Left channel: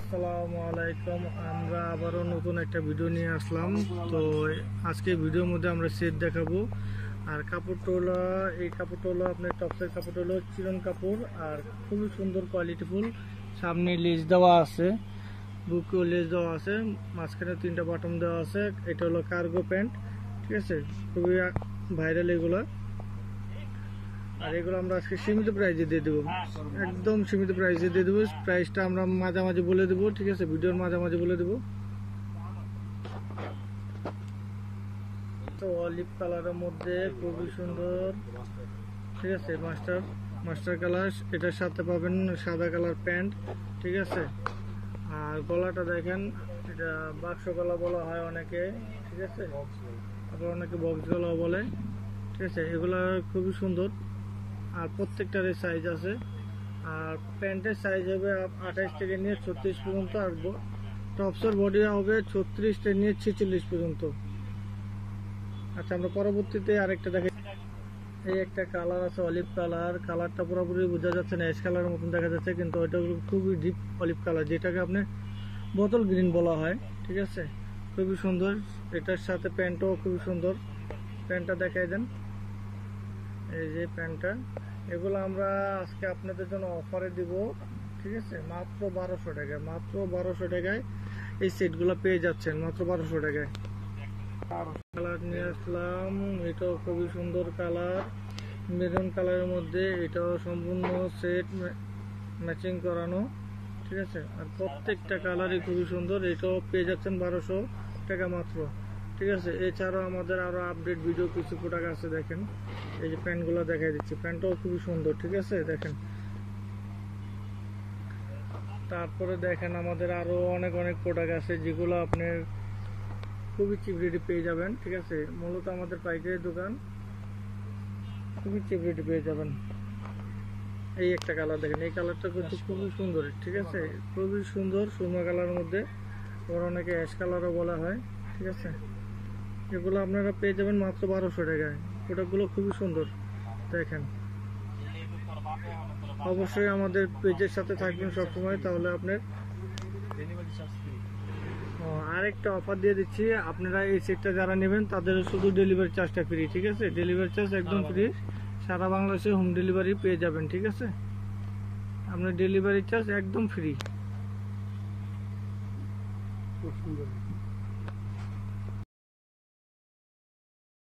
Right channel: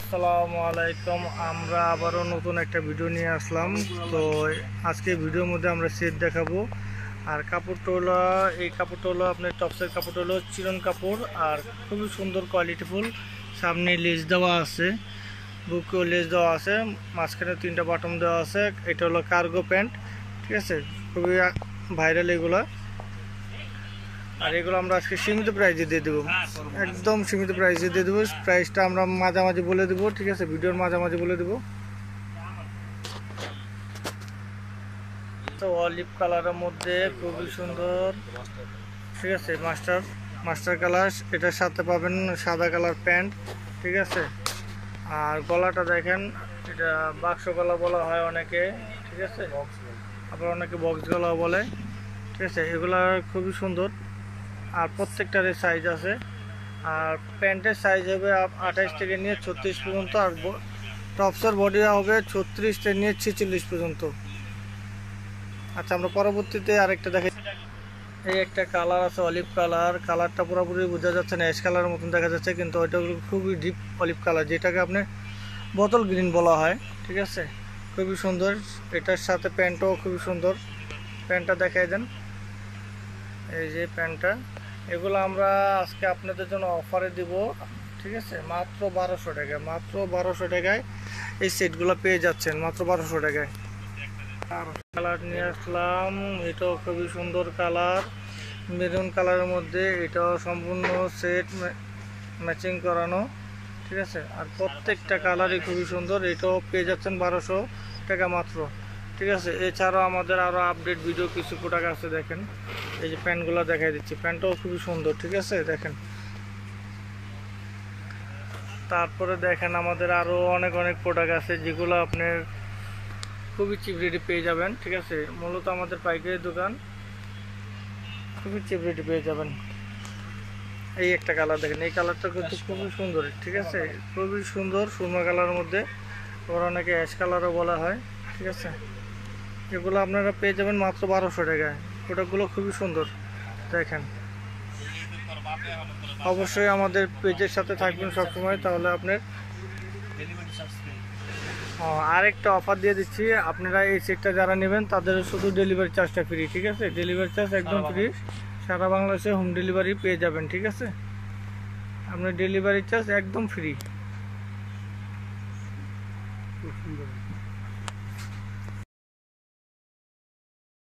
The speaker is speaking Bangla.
আসসালামু আলাইকুম। আমরা আবারও নতুন একটা ভিডিও নিয়ে আসলাম। তো আজকে ভিডিওর মধ্যে আমরা সেট দেখাবো। আর কাপড়টা হলো, এই কাপড়টা হলো আপনার টপসের কাপড়টা হলো চিরন কাপড়, আর খুবই সুন্দর কোয়ালিটিফুল। সামনে লেস দেওয়া আছে, বুকেও লেস দেওয়া আছে, মাঝখানে 3টা বাটন দেওয়া আছে। এটা হলো কার্গো প্যান্ট, ঠিক আছে, খুবই ভাইরাল এগুলা। আর এগুলো আমরা আজকে সীমিত প্রাইসে দিয়ে দেবো, একদম সীমিত প্রাইসে দিয়ে দেবো। প্রাইসটা আমরা মাঝামাঝি বলে দেবো, ঠিক আছে, ভিডিওর মাঝামাঝি বলে দেবো। তো অলিভ কালারের মধ্যে খুবই সুন্দর, ঠিক আছে, মাস্টার কালার। এটার সাথে পাবেন সাদা কালার প্যান্ট, ঠিক আছে। আর গলাটা দেখেন, এটা বাক্স গলা বলা হয় অনেকে, ঠিক আছে, আবার অনেকে বক্স গলা বলে, ঠিক আছে। এগুলা খুবই সুন্দর, আর প্রত্যেকটারই সাইজ আছে। আর প্যান্টের সাইজ হবে 28 থেকে নিয়ে 36 পর্যন্ত, আর টপসের বডি হবে 36 থেকে নিয়ে 46 পর্যন্ত। আচ্ছা, আমরা পরবর্তীতে আরেকটা দেখাই। এই একটা কালার আছে অলিভ কালার। কালারটা পুরোপুরি বোঝা যাচ্ছে না, অ্যাশ কালারের মতন দেখা যাচ্ছে, কিন্তু ওইটা খুবই ডিপ অলিভ কালার, যেটাকে আপনি বোতল গ্রিন বলা হয়, ঠিক আছে। খুবই সুন্দর। এটার সাথে প্যান্টও খুবই সুন্দর। প্যান্টটা দেখাই দেন, এই যে প্যান্টটা। এগুলো আমরা আজকে আপনাদের জন্য অফারে দিব, ঠিক আছে, মাত্র 1200 টাকায়। মাত্র 1200 টাকায় এই সেটগুলো পেয়ে যাচ্ছেন, মাত্র 1200 টাকায়। কালার নিয়ে আসলাম, এটাও খুবই সুন্দর কালার, মেরুন কালারের মধ্যে। এটাও সম্পূর্ণ সেট ম্যাচিং করানো, ঠিক আছে। আর প্রত্যেকটা কালারই খুবই সুন্দর। এটাও পেয়ে যাচ্ছেন 1200 টাকা মাত্র, ঠিক আছে। এছাড়াও আমাদের আরও আপডেট ভিডিও কিছু প্রোডাক্ট আছে, দেখেন। এই যে প্যান্টগুলো দেখাই দিচ্ছি, প্যান্টটাও খুবই সুন্দর, ঠিক আছে, দেখেন। তারপরে দেখেন আমাদের আরও অনেক প্রোডাক্ট আছে, যেগুলো আপনার খুবই চিপ রেটে পেয়ে যাবেন, ঠিক আছে। মূলত আমাদের পাইকারি দোকান, খুবই চিপ রেটে পেয়ে যাবেন। এই একটা কালার দেখেন, এই কালারটা কিন্তু খুবই সুন্দর, ঠিক আছে, খুবই সুন্দর সুরমা কালারের মধ্যে, আবার অনেকে অ্যাশ কালারও বলা হয়, ঠিক আছে। এগুলো আপনারা পেয়ে যাবেন মাত্র 1200 টাকায়। প্রোডাক্টগুলো খুবই সুন্দর, দেখেন। অবশ্যই আমাদের পেজের সাথে থাকবেন সবসময়, তাহলে আপনার আরেকটা অফার দিয়ে দিচ্ছি। আপনারা এই সেটটা যারা নেবেন তাদের শুধু ডেলিভারি চার্জটা ফ্রি, ঠিক আছে। ডেলিভারি চার্জ একদম ফ্রি, সারা বাংলাদেশে হোম ডেলিভারি পেয়ে যাবেন, ঠিক আছে। আপনার ডেলিভারি চার্জ একদম ফ্রি।